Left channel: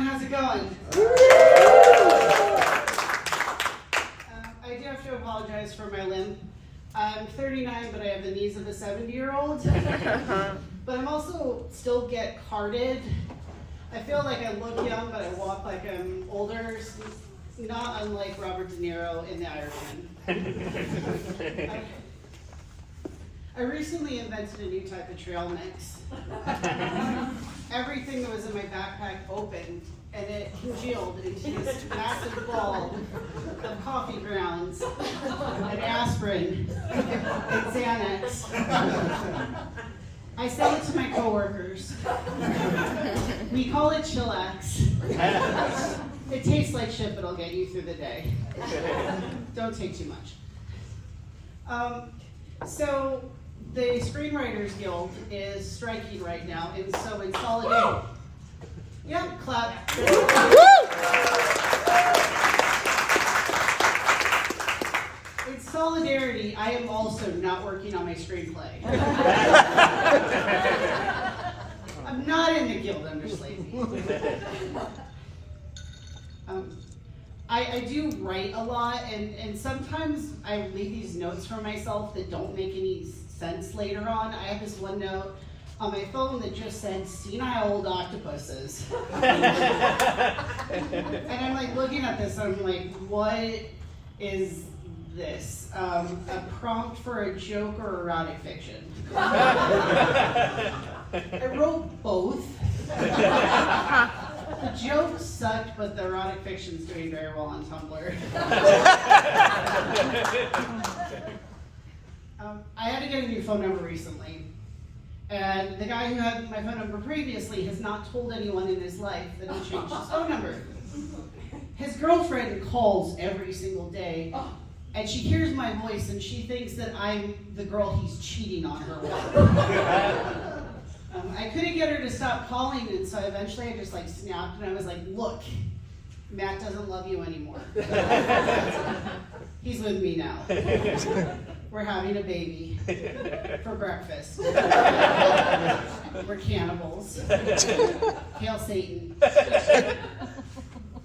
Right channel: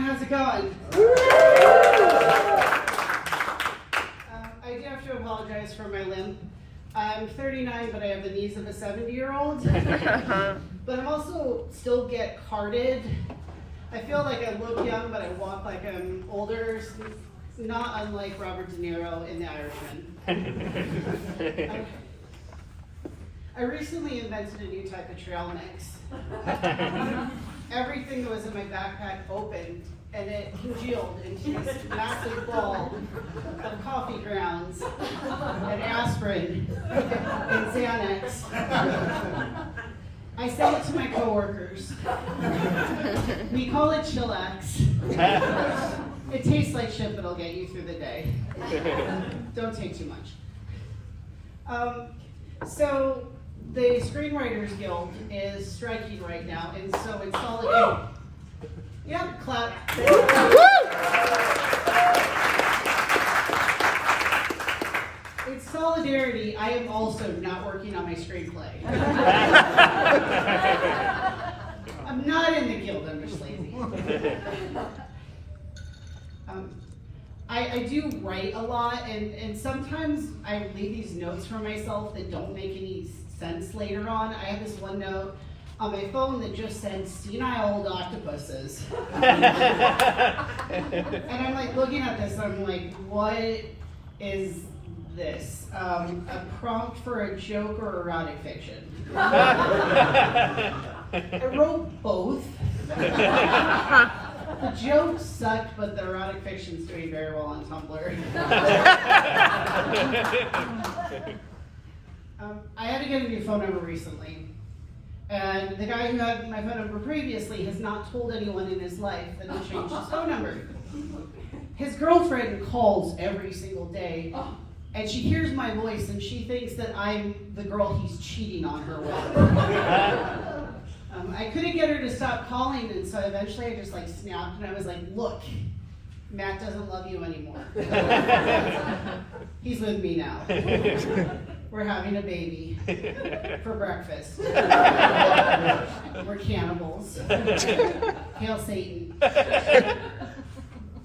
everyone. How's it going? I do have to apologize for my limp. I'm 39, but I have the knees of a 70-year-old. But I'm also still get carded. I feel like I look young, but I walk like I'm older. Not unlike Robert De Niro in The Irishman. I recently invented a new type of trail mix. Everything that was in my backpack opened, and it congealed into this massive ball of coffee grounds, and aspirin, and Xanax. I sell it to my coworkers. We call it Chillax. It tastes like shit, but it'll get you through the day. Don't take too much. So the Screenwriters Guild is striking right now, and so in solidarity, yeah, clap. In solidarity, I am also not working on my screenplay. I'm not in the guild, I'm just lazy. I do write a lot, and sometimes I leave these notes for myself that don't make any sense later on. I have this one note on my phone that just said, senile old octopuses. And I'm like looking at this, and I'm like, what is this? A prompt for a joke or erotic fiction? I wrote both. The joke sucked, but the erotic fiction's doing very well on Tumblr. I had to get a new phone number recently, and the guy who had my phone number previously has not told anyone in his life that he changed his phone number. His girlfriend calls every single day, and she hears my voice, and she thinks that I'm the girl he's cheating on her with. I couldn't get her to stop calling, and so eventually I just snapped, and I was like, look, Matt doesn't love you anymore. He's with me now. We're having a baby for breakfast. We're cannibals. Hail Satan.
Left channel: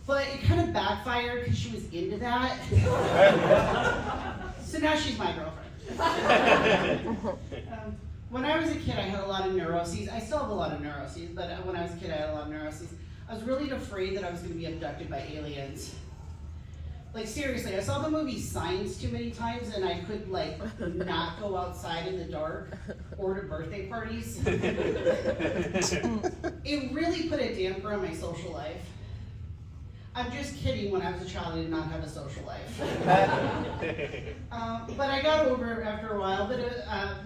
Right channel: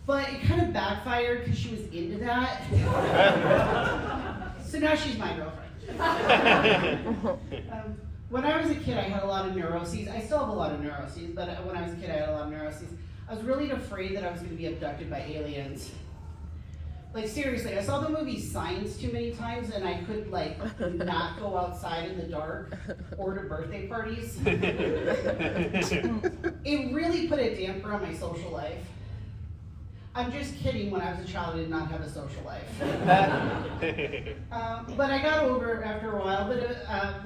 But it kind of backfired because she was into that. So now she's my girlfriend. When I was a kid, I had a lot of neuroses. I still have a lot of neuroses, but when I was a kid, I had a lot of neuroses. I was really afraid that I was going to be abducted by aliens. Like, seriously, I saw the movie Signs too many times, and I could, not go outside in the dark or to birthday parties. It really put a damper on my social life. I'm just kidding. When I was a child, I did not have a social life. But I got over it after a while. But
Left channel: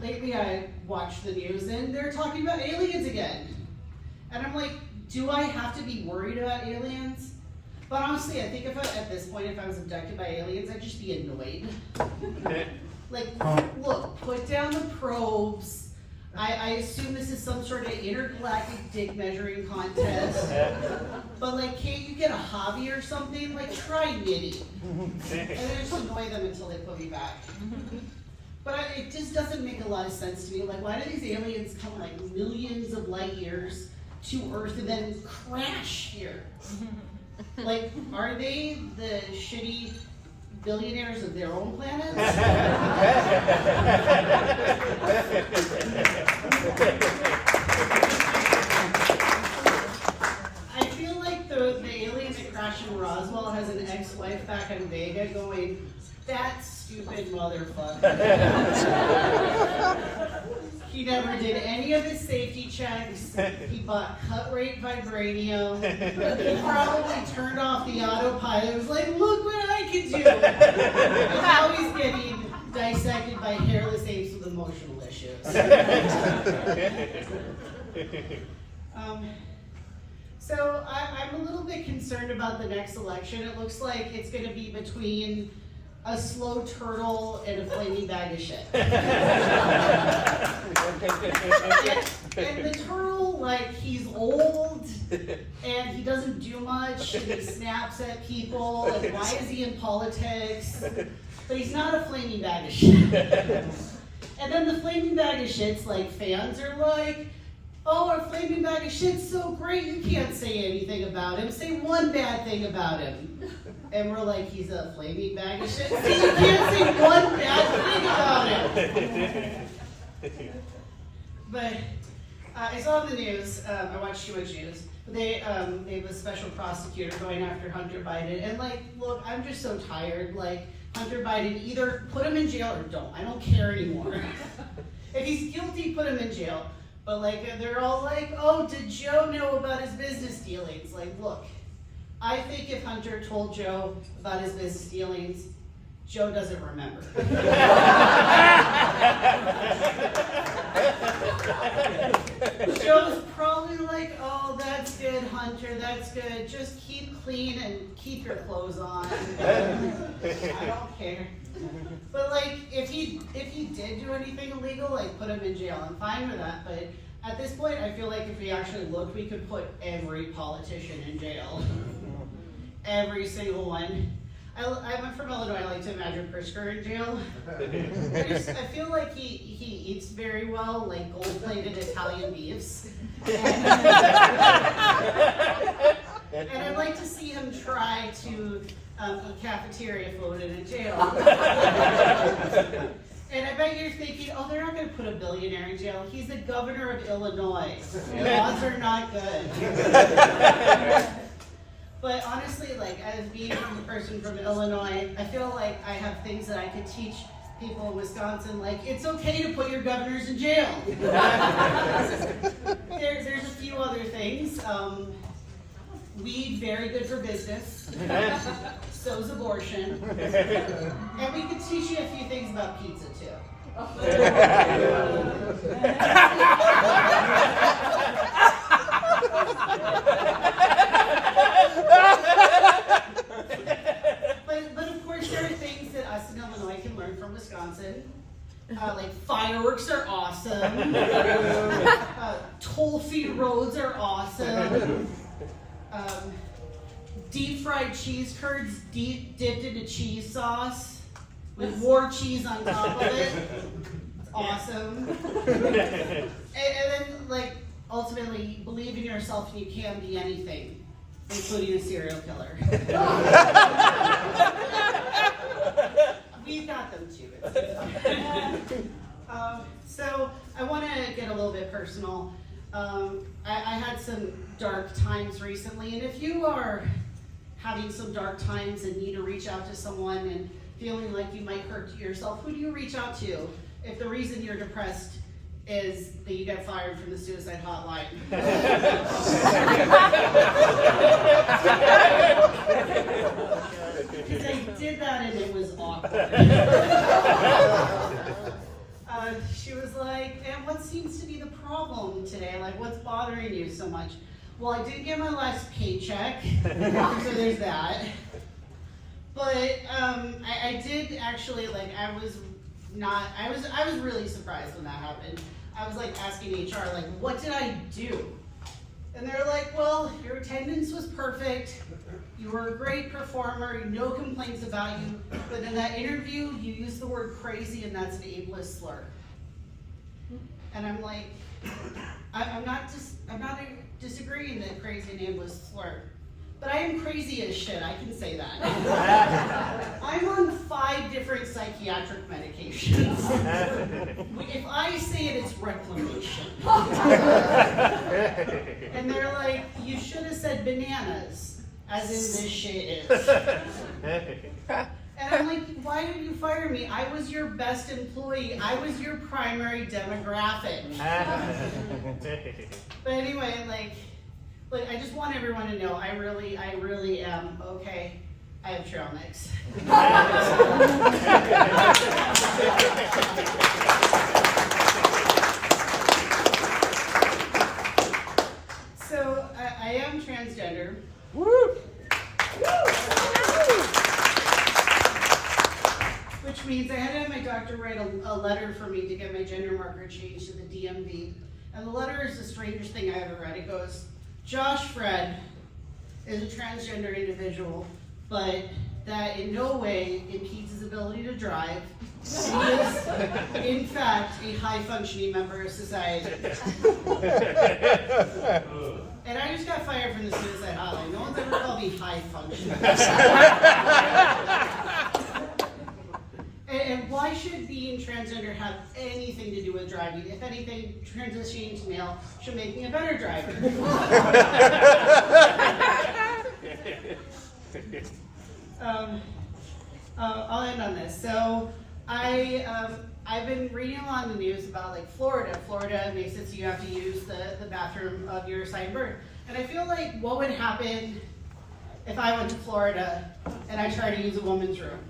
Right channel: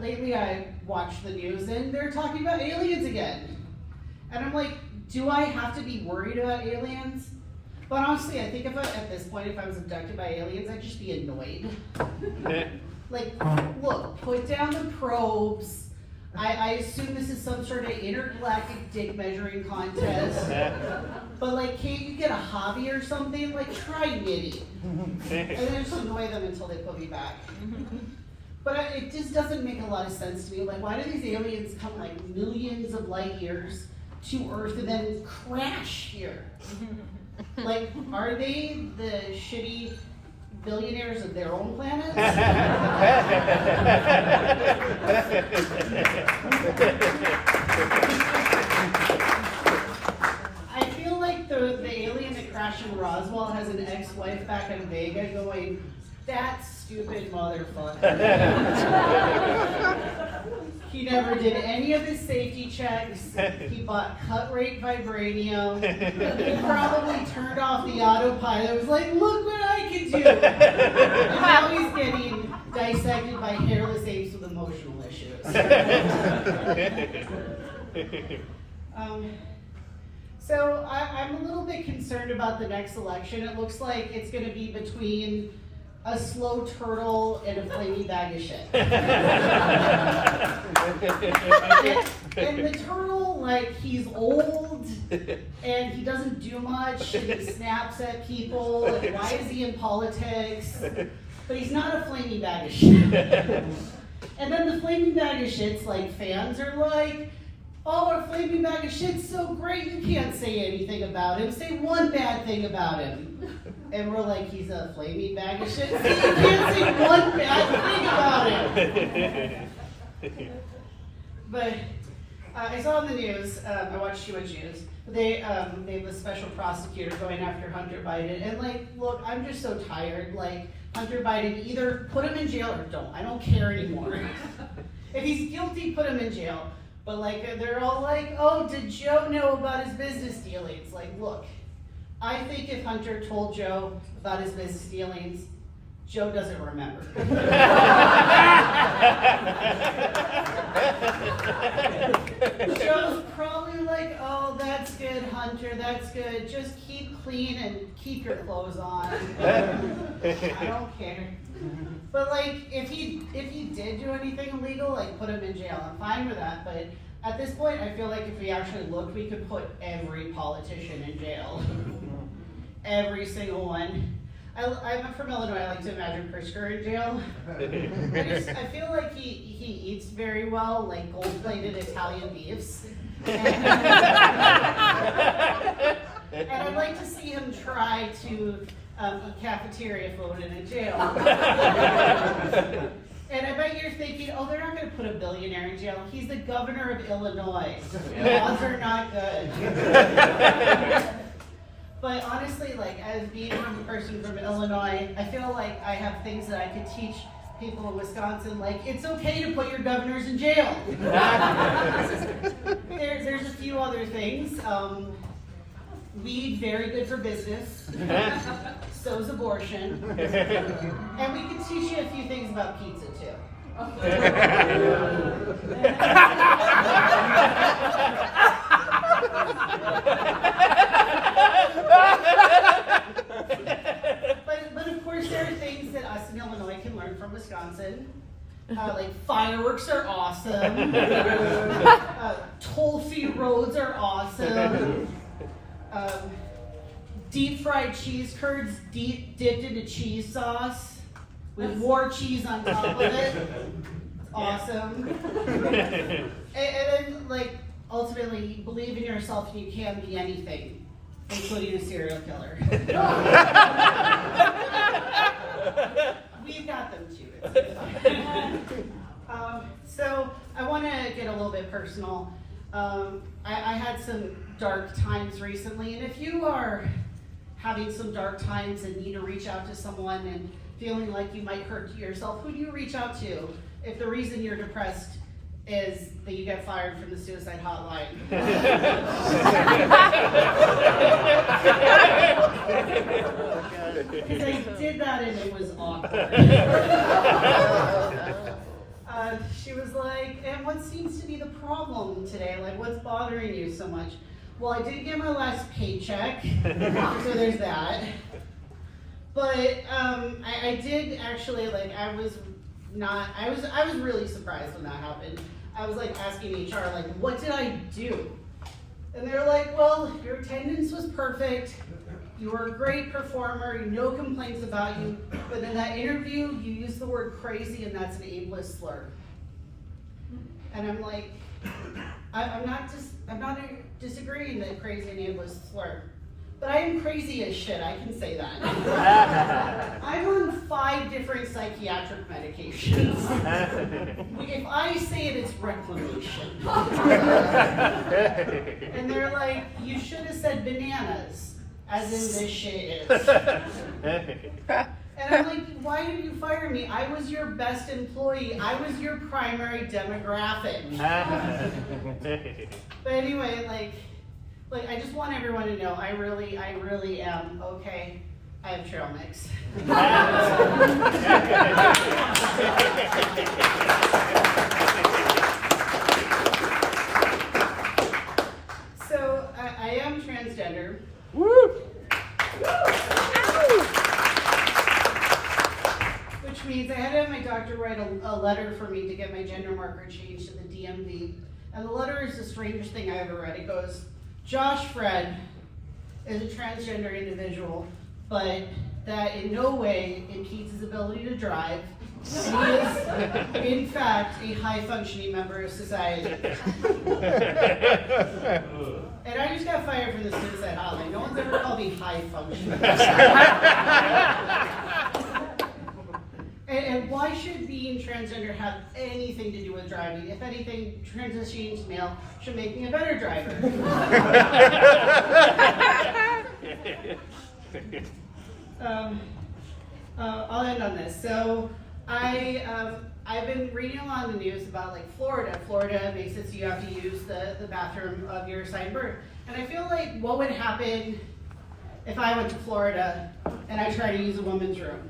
lately I watched the news, and they're talking about aliens again. And I'm like, do I have to be worried about aliens? But honestly, I think at this point, if I was abducted by aliens, I'd just be annoyed. Look, put down the probes. I assume this is some sort of intergalactic dick measuring contest. But can't you get a hobby or something? Try knitting. And I just annoy them until they put me back. But it just doesn't make a lot of sense to me. Why do these aliens come millions of light years to Earth and then crash here? Are they the shitty billionaires of their own planet? I feel like the alien that crashed in Roswell has an ex-wife back in Vega going, that stupid motherfucker. He never did any of his safety checks. He bought cut rate vibranium. He probably turned off the autopilot. It was like, look what I can do. And now he's getting dissected by hairless apes with emotional issues. So I'm a little bit concerned about the next election. It looks like it's going to be between a slow turtle and a flaming bag of shit. And the turtle, he's old, and he doesn't do much, and he snaps at people, and why is he in politics? But he's not a flaming bag of shit. And then the flaming bag of shit's fans are Oh, a flaming bag of shit's so great, you can't say anything about him. Say one bad thing about him. And we're like, he's a flaming bag of shit. See, you can't say one bad thing about him. But I saw in the news, I watched too much news, they have a special prosecutor going after Hunter Biden. And like, look, I'm just so tired. Like, Hunter Biden, either put him in jail or don't. I don't care anymore. If he's guilty, put him in jail. But like, they're all like, oh, did Joe know about his business dealings? Like, look, I think if Hunter told Joe about his business dealings, Joe doesn't remember. Joe's probably like, oh, that's good, Hunter, that's good. Just keep clean and keep your clothes on. I don't care. But like, if he did do anything illegal, like put him in jail, I'm fine with that. But at this point, I feel like if we actually looked, we could put every politician in jail. Every single one. I'm from Illinois, I like to imagine Pritzker in jail. I feel like he eats very well, like gold-plated Italian beefs. And I'd like to see him try to a cafeteria food in a jail. And I bet you're thinking, oh, they're not going to put a billionaire in jail. He's the governor of Illinois. Laws are not good. But honestly, like, as being a person from Illinois, I feel like I have things that I could teach people in Wisconsin, like, it's okay to put your governors in jail. There's a few other things. Weed, very good for business. So's abortion. And we could teach you a few things about pizza, too. But of course, there are things that us in Illinois can learn from Wisconsin. Like fireworks are awesome. Toll-free roads are awesome. Deep fried cheese curds dipped into cheese sauce with more cheese on top of it. It's awesome. And then, like, ultimately, believe in yourself. You can be anything, including a serial killer. We've got them too. So I want to get a little bit personal. I had some dark times recently, and if you are having some dark times and need to reach out to someone and feeling like you might hurt yourself, who do you reach out to if the reason you're depressed is that you got fired from the suicide hotline? Because I did that and it was awkward. She was like, and what seems to be the problem today? Like, what's bothering you so much? Well, I didn't get my last paycheck, so there's that. But I did actually, like, I was really surprised when that happened. I was like asking HR, like, what did I do? And they're like, well, your attendance was perfect. You were a great performer, no complaints about you. But in that interview, you used the word crazy, and that's an ableist slur. And I'm like, I'm not disagreeing that crazy and ableist slur. But I am crazy as shit, I can say that. I'm on 5 different psychiatric medications. If I say it, it's reclamation. And they're like, you should have said bananas, as in this shit is. And I'm like, why did you fire me? I was your best employee. I was your primary demographic. But anyway, like I just want everyone to know, I really am okay. I have trail mix. So I am transgender. Woo! Which means I had to have my doctor write a letter for me to get my gender marker changed to the DMV. And the letter is the strangest thing I ever read. It goes, Josh Fred is a transgender individual, but that in no way impedes his ability to drive, He is, in fact, a high-functioning member of society. And I just got fired from the Suicide Hotline. No one's ever called me high-functioning. And why should being transgender have anything to do with driving? If anything, transitioning to male should make me a better driver. I'll end on this. So I've been reading along the news about like Florida. Florida makes it so you have to use the bathroom of your assigned birth. And I feel like what would happen if I went to Florida and I tried to use a woman's room?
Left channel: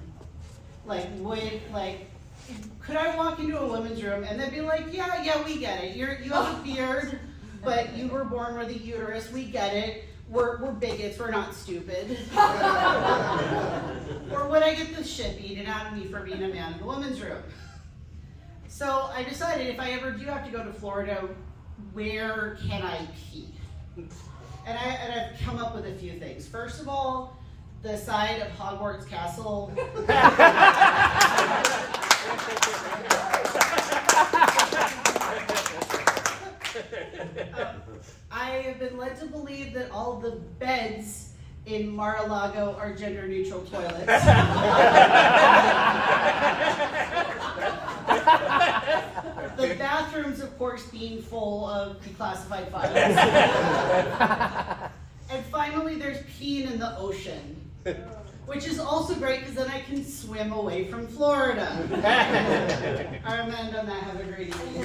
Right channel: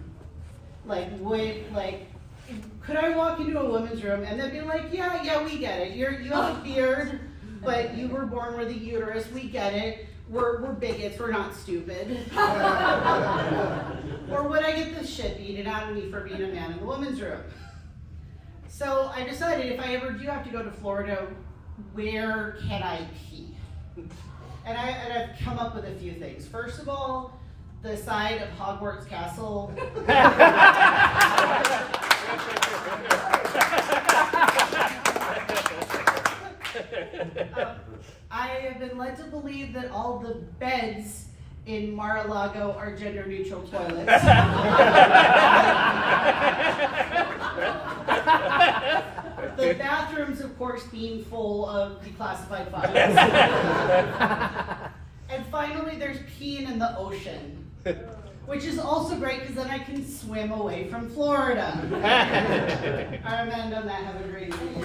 Could I walk into a woman's room and they'd be like, yeah, we get it. You have a beard, but you were born with a uterus. We get it. We're bigots. We're not stupid. Or would I get this shit beaten out of me for being a man in the women's room? So I decided if I ever do have to go to Florida, where can I pee? And I've come up with a few things. First of all, the side of Hogwarts Castle. I have been led to believe that all the beds in Mar-a-Lago are gender-neutral toilets. The bathrooms, of course, being full of declassified files. And finally, there's peeing in the ocean. Which is also great because then I can swim away from Florida. I'm going to end on that. Have a great evening.